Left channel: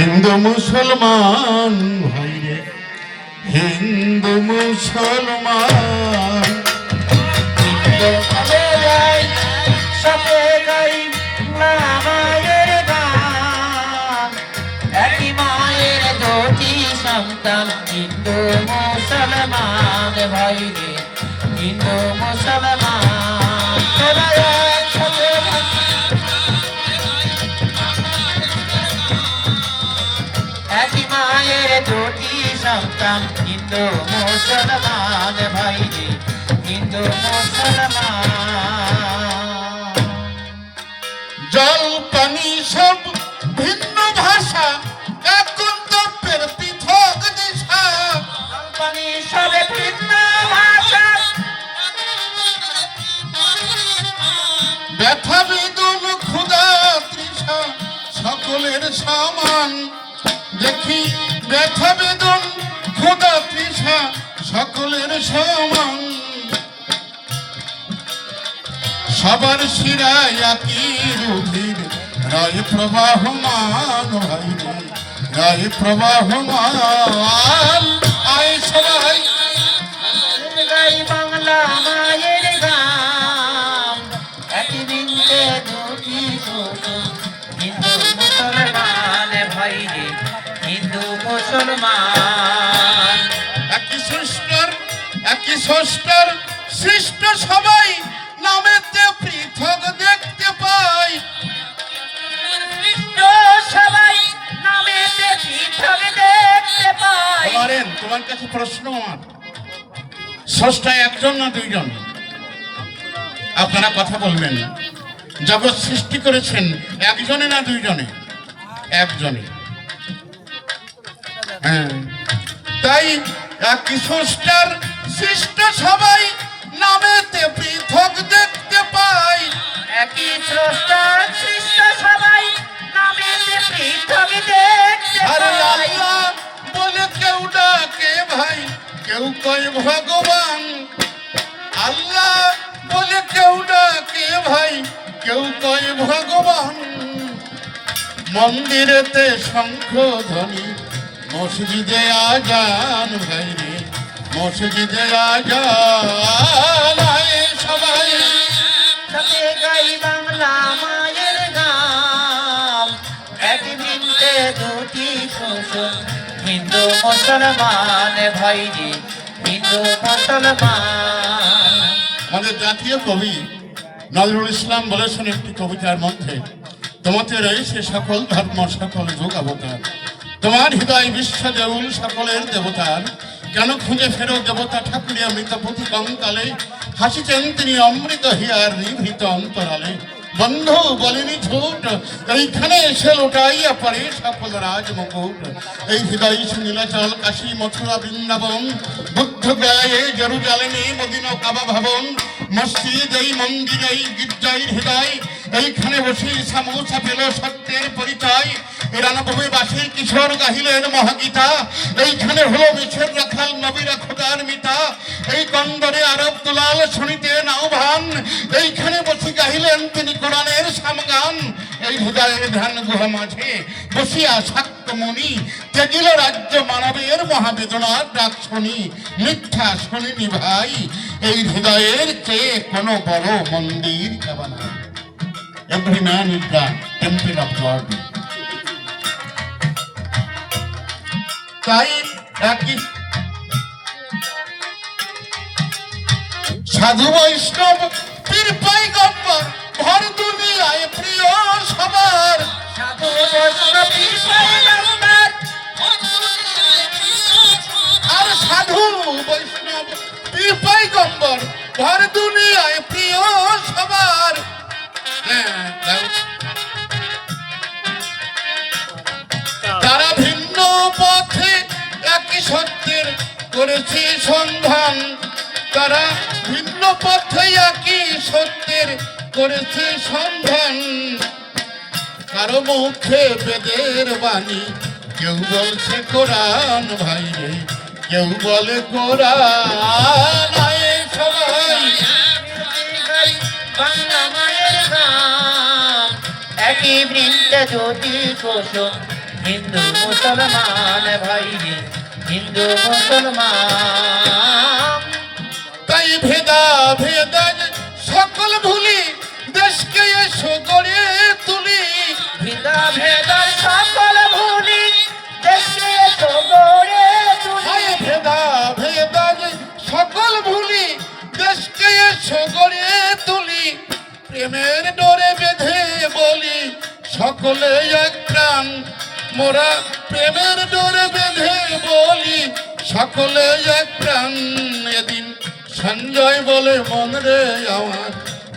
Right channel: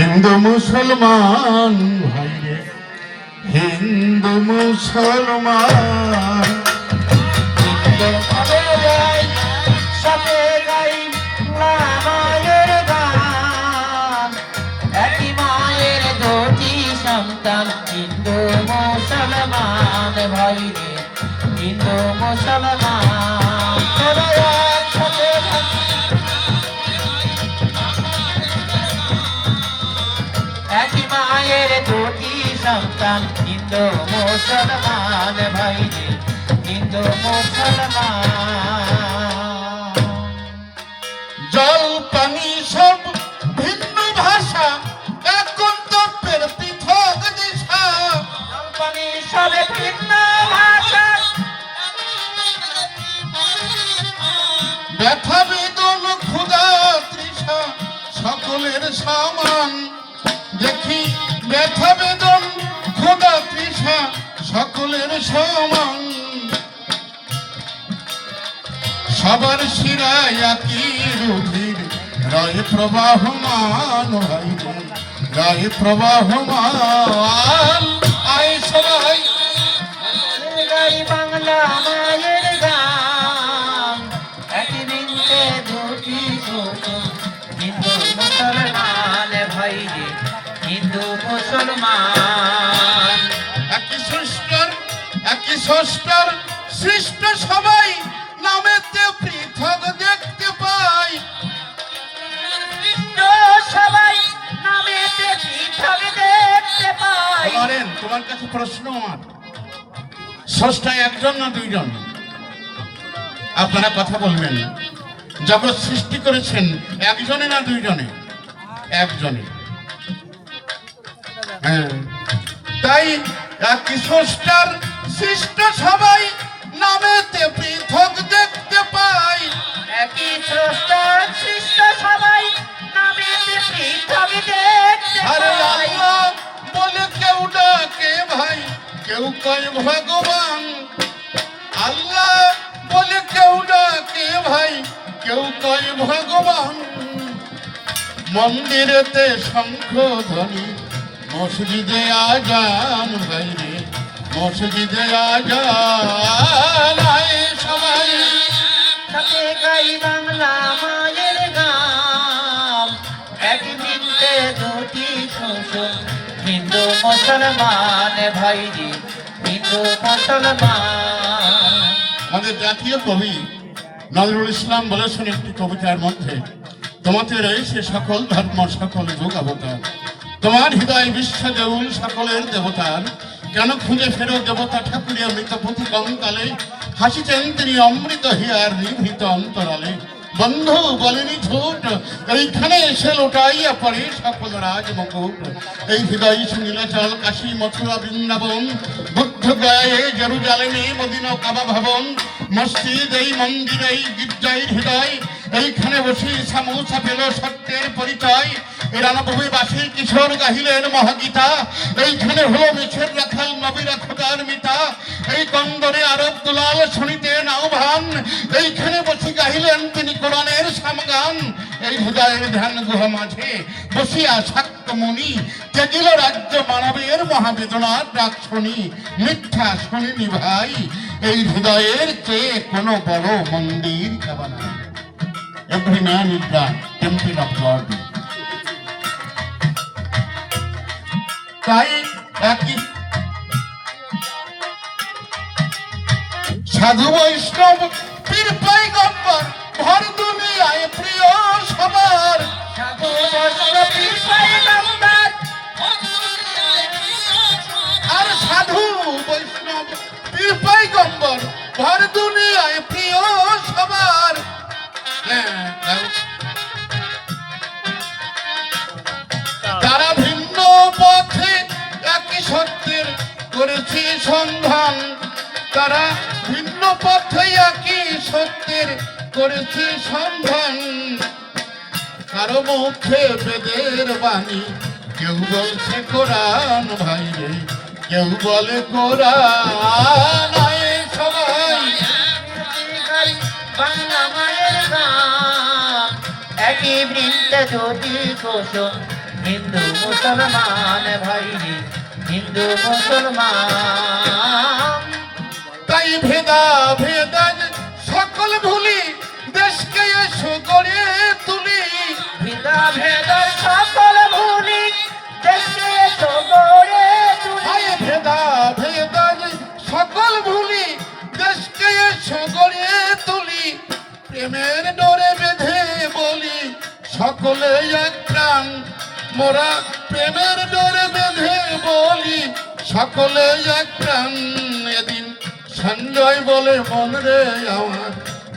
হিন্দু মুসলমান ভাই রে, হিন্দু মুসলমান হিন্দু মুসলমান ভাই রে, হিন্দু মুসলমান একই মায়ের দুটি সন্তান, হিন্দু মুসলমান ভাই রে, হিন্দু মুসলমান। জল পানি সব ভিন্ন ভাষা, এখন তত্ত্বের পৃথক দিশা। জল পানি সব ভিন্ন ভাষা, ব্যথা বেদন ক্ষুধা তৃষা সকলের সমান। দেখি ব্যথা বেদন ক্ষুধা তৃষা সকলের সমান। সবার শিরায় একই রুধির রায় প্রবাহমান ভাই রে, রায় প্রবাহমান। আয় সবাই গাই বাংলা মায়ের গান, একই বৃন্দে দুটি কুসুম, হিন্দু মুসলমান ভাই রে, হিন্দু মুসলমান। একই ষষ্ঠার সৃষ্ট সবাই, নামেতে পৃথক দেখতে পাই। সবাই নামেতে পৃথক দেখতে পাই। তোমার কাছে প্রশ্ন আমার, ষষ্ঠা একজন না দুইজন? আপনারা কথা বলবেন। জগৎ সৃষ্টি করেছেন একজনে না দুইজনে? একজনে। হ্যাঁ, তাই একই ষষ্ঠার সৃষ্ট সবাই, নামেতে পৃথক দেখতে পাই। একই স্রষ্টার সৃষ্ট সবাই, নামেতে পৃথক দেখতে আরে পাই। আল্লাহ বলে কেউ ডাকে ভাই, কেউ কয় ভগবান। আল্লাহ বলে কেউ ডাকে ভাই, কেউ কয় ভগবান। মন্দিরেতে শঙ্খ ধ্বনি, মসজিদে আজান ভাই রে, মসজিদে আজান। আয় সবাই সাথে গাই বাংলা মায়ের গান, এক বৃন্দে দুটি কুসুম, হিন্দু মুসলমান ভাই রে, হিন্দু মুসলমান। আমাদের জাতীয় কবি নজরুল ইসলাম বলেছেন একটি কবিতার মধ্যে, তোমাতে রয়েছে সকল ধর্ম সকল যুগ অবতার। তোমার হৃদয় বিশ্ব দেউল সকলের দেবতার। কেন খুঁজে ফেরো দেবতা ঠাকুরিয়া মৃত পুঁথি কঙ্কালে, হাসিছেন তিনি অমৃত হিয়ার নিভৃত অন্তরালে। বন্ধু বলেনি ঝুট, এইখানে এসে লোটাইয়া পড়ে সকল রাজ মুকুট। এই হৃদয় নীলাচল কাশী মথুরা বৃন্দাবন, বুদ্ধ গায়ে জেরুজালেমে মদিনা কাবা ভবন। মসজিদ এই মন্দির এই গির্জার হৃদয়, এইখানে বসে সামোসা পেল সত্যের পরিচয়। এরা নবমী বাসী কিশোর গাহিলেন মহাগীতা, এইখানে হলো মিছের রাখাল নবীরা খোদার মিতা। এই কন্দরে আরব দুলাল শুনিতে নাও ভান, এইখানে বসে গাহিলেন তিনি কোরআনের সমগান। এই হৃদয়ের ধ্যান গুহা মাঝে বসিয়া শাক্ত মুনি, ত্যাগিল রাজ্য মানবের মহাবেদনার ডাক শুনি। মিথ্যা শুনিনি ভাই, এই হৃদয়ের চেয়ে কোনো বড় মন্দির কাবা নাই। Every man is the temple of God. তাই একই সাধু বৈষ্ণব পীর পয়গম্বর ভর দুনিয়ায় প্রিয় সবার। সাধু বৈষ্ণব পীর পয়গম্বর, আর সাধু বৈষ্ণব পীর পয়গম্বর ভর দুনিয়ায় প্রিয় সবার। তারা ভিন্ন পথে একই সত্যের করেছে সন্ধান। তারা ভিন্ন পথে একই সত্যের করেছে সন্ধান। কারো মুখে বেদের বাণী, কেউ বলছে কোরআন ভাই রে, কেউ বলে কোরআন। আয় সবাই বাংলা মায়ের গান, একই বৃন্দে দুটি কুসুম, হিন্দু মুসলমান ভাই রে হিন্দু মুসলমান তাই ভেদা ভেদান সকল ভুলি দেশকে এসো গড়ে তুলি ভিদা ভেদা সকল ভুলি দেশে তো গড়ে তুলি হায় ভেদা ভেদান সকল ভুলি দেশকে এসো গড়ে তুলি প্রেমের ডোরে বেঁধে বলি সকলে এক প্রাণ মোরা প্রেমের ডোরে বেঁধে বলি সকলে এক প্রাণ এদিন সঞ্জয় বলে মন রে আমার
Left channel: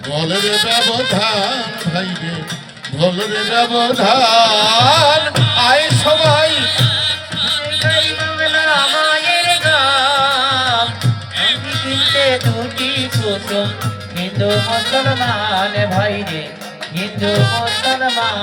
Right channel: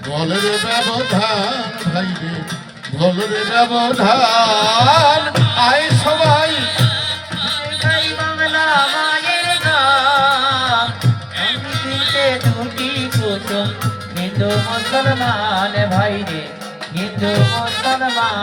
বলের ব্যবধান ভাই রে বলের ব্যবধান আয় সবাই গাই বাংলা মায়ের গান আমি কিনতে দুটি কুসুম হিন্দু মুসলমান ভাই রে হিন্দু মুসলমান